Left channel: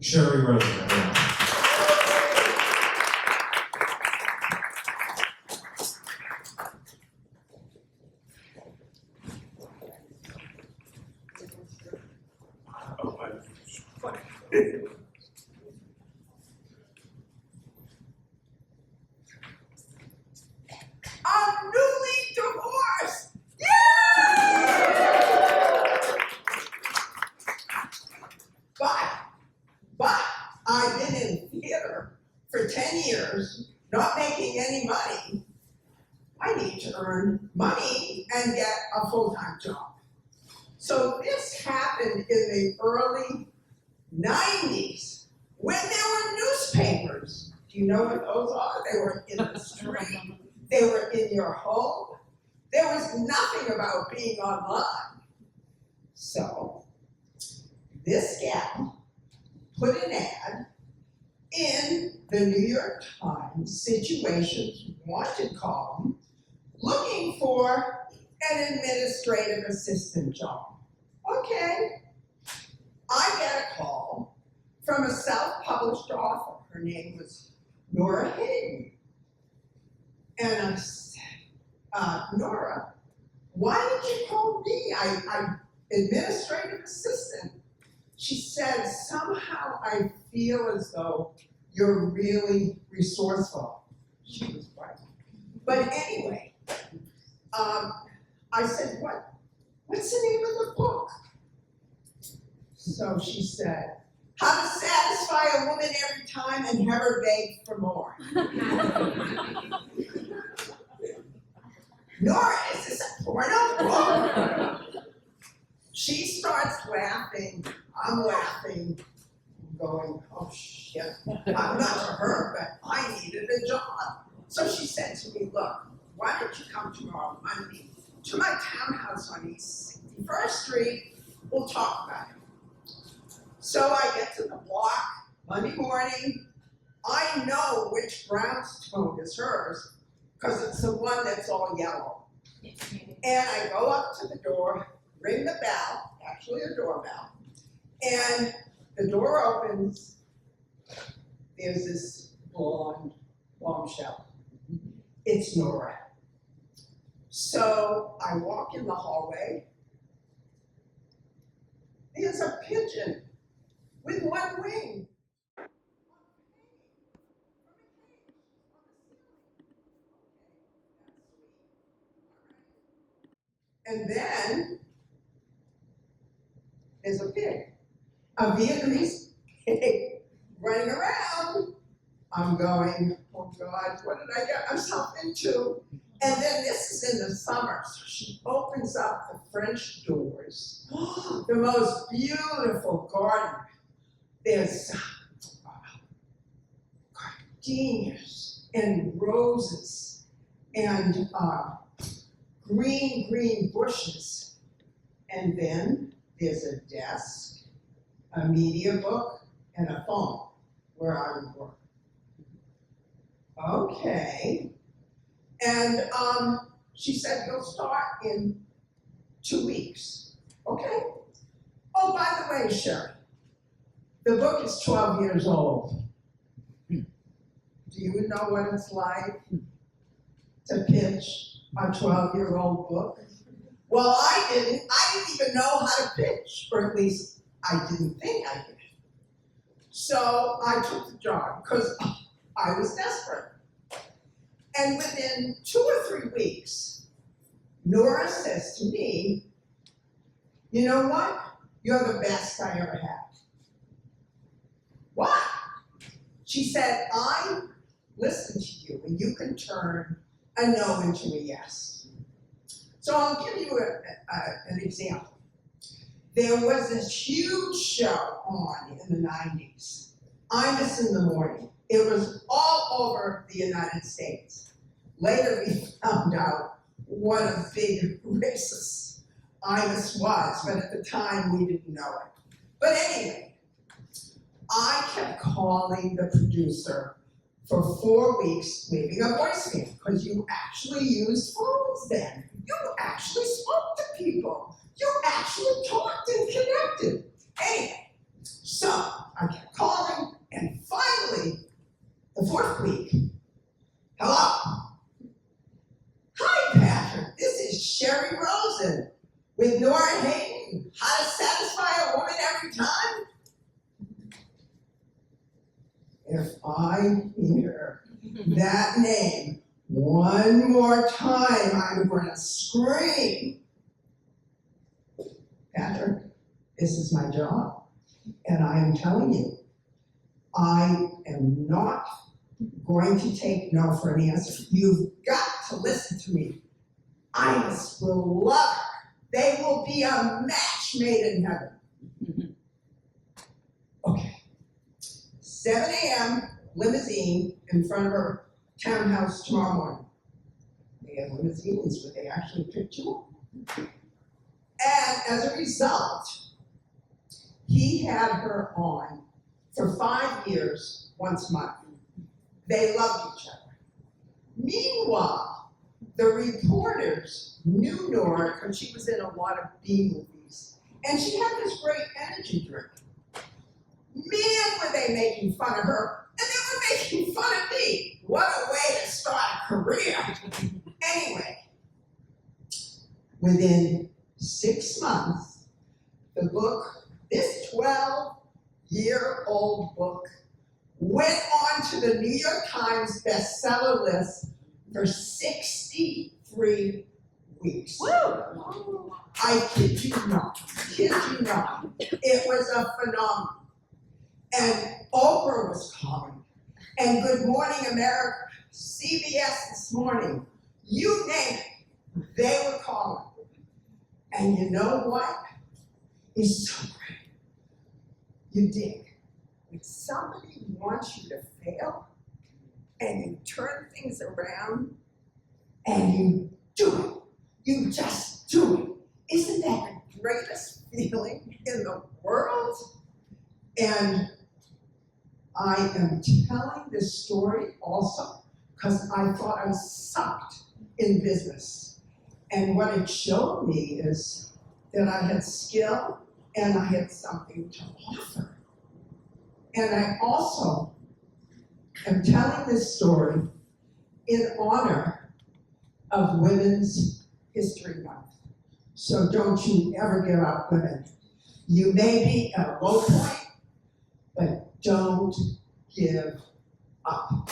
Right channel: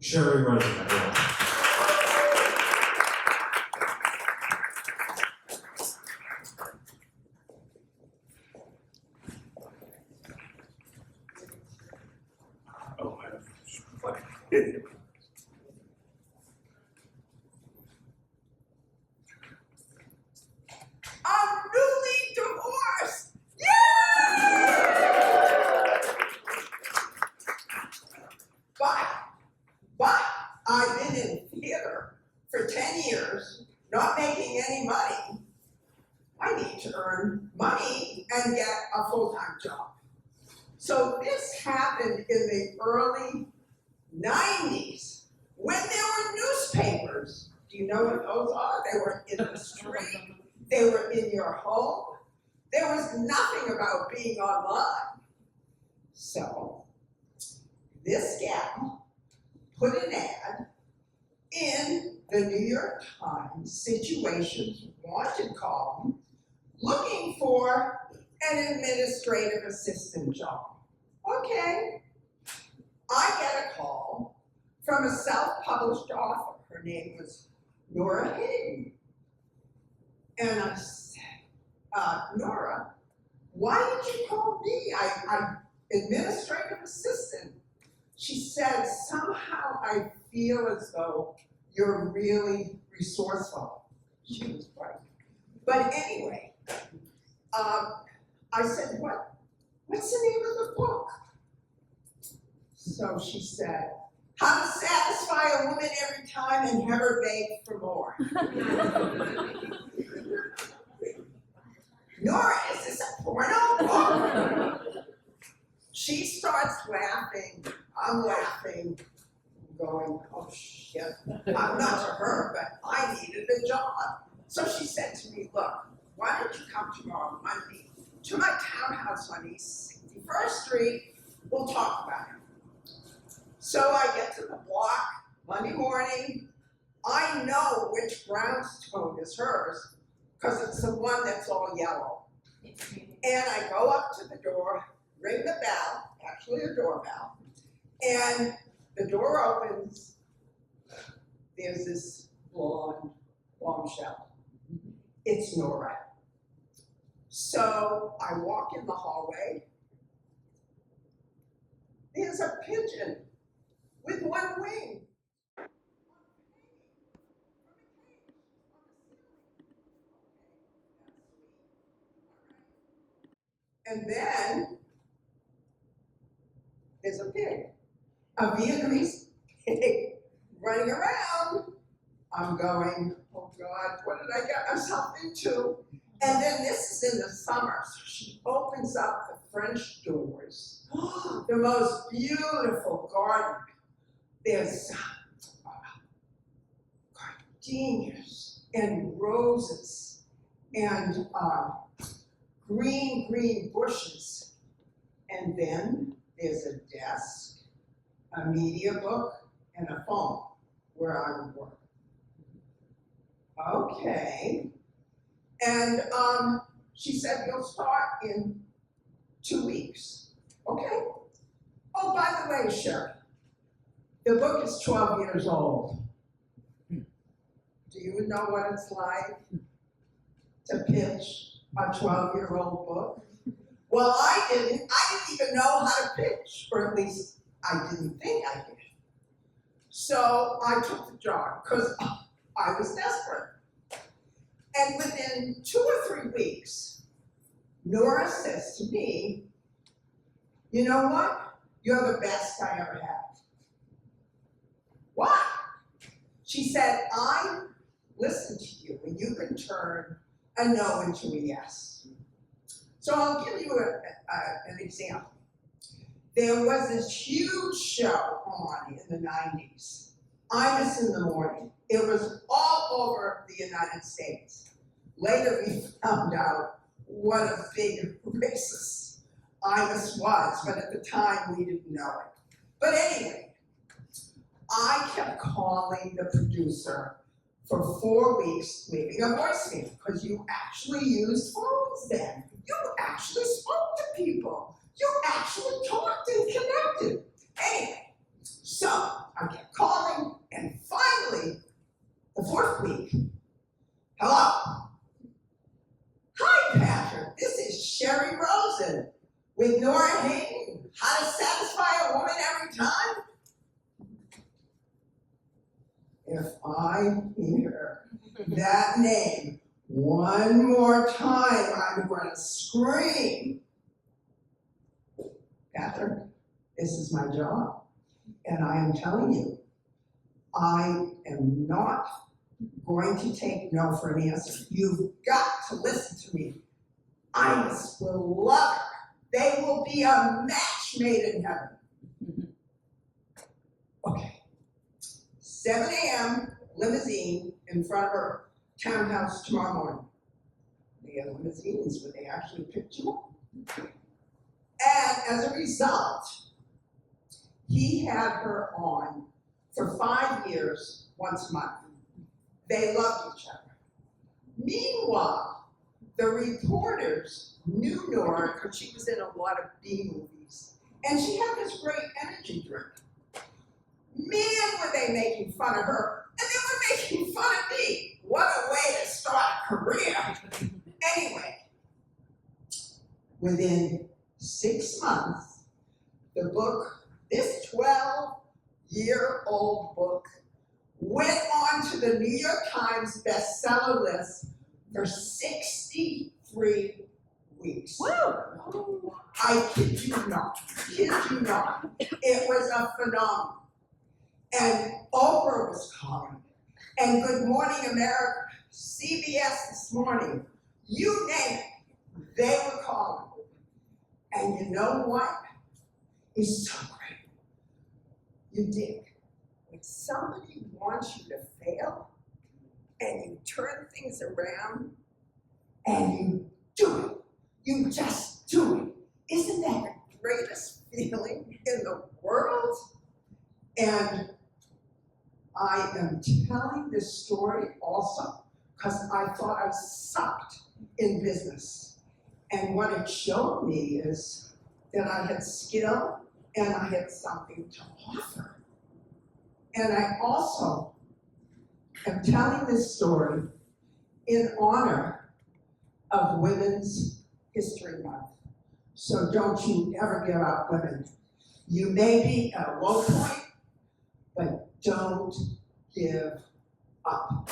Sherry Rosen. I'm newly divorced. Yeah! But I've been in theater for 10 years, not making any money. I need to earn money and get a full-time job. So this happened in the early 90s when there were newspapers. Do you know what those are? They were in the street. They were in your home. There was nothing about being online. So this gal put an ad in the New York Times Situations Wanted column looking for an administrative assistant job. Okay. I get a call from a self-published author. Her name was redheaded. And I said, Nora, why did you call me? I'm administrative assistant. She said, somehow I feel as though you're really resourceful. She was right. But anyway, I said, what's the name of the book? So she said, How to Satisfy a Woman Every Time and Have Her Beg for More. Nora, is this a porno book? She starts laughing. I'm laughing, going, oh shit. Not to her, but I needed a job. So she said to me, look, why don't you come tomorrow Monday to my townhouse on East 61st Street? We'll talk about it. So I get to the block Monday morning. I know which brownstone is hers because it's the one that's all yellow. And I go up to the door, ring the bell, actually a doorbell, and the door opens. There's this blonde bombshell. It's Nora. So I walk in the hallway. There's a pigeon with one wing. And then there's a pig, a Vietnamese pig running around. I'm going, oh God, what did I get myself into? And then this is in the summer, so she opens up the French doors. The most beautiful garden. There's gardenias and roses and green bushes. And then there's a desk, a media book, and a phone where I would work. Okay. And she said, you'll start in 2 weeks. Okay. Oh, by the way, Sherry, the book is 12 years old. Do you know what it's like to pitch a 12-year-old book? Well, I didn't even know how to pitch, or at least I didn't think I did. So I took the job because I was desperate. And within 2 or 3 weeks, Nora says to me, you know what? You're the best I ever had. Why? She said, I listen to you and you can turn a no into a yes. So I'll give you an example. There was this huge show on in the 90s, Imus in the Morning. It was all over the United States. Later we found out what a big racist Imus was, but at the time we didn't know it. But anyway, I kept calling the producer for 4 weeks, leaving a voicemail, because you actually used phones then. You actually spoke to people. You actually talked and connected. Anyway, so I kept calling. if I hear that name one more time, I'm gonna scream. Catherine, this is my job, and I am telling you, I am not going to take no for an answer. You've got to listen to me. Iris will love her. They will be a match made in heaven. Okay. 7 a.m. limousine in front of her townhouse tomorrow morning. They have limousines where they actually pick you up. And as a result, he had her on for 5 years, once a month. They loved each other. Meanwhile, the reporters knew Nora because she was in a lot of B movies. And she had this great energy drink. Man, were they making fun of her, and they were making fun of me. What a way to start a career. Anyway, within 6 months, the book, this 12-year-old book, went on to the New York Times bestseller list for 63 weeks. Woo! I kid you not, It was a phenomenon. And Oprah was calling, and Good Morning America, CBS This Morning, you name it, they were calling. And you know what? It's so great. You dig. When somebody wants you to fail, and you turn things around, and you do it. You just do it. Isn't that the greatest feeling in the world? And I am telling this story also because I thought I sucked in business. And what it showed me is that I had skill and I had something to offer. And I also am telling this story in honor of Women's History Month. So don't you ever give up, women. You may be at a low point, but don't give up.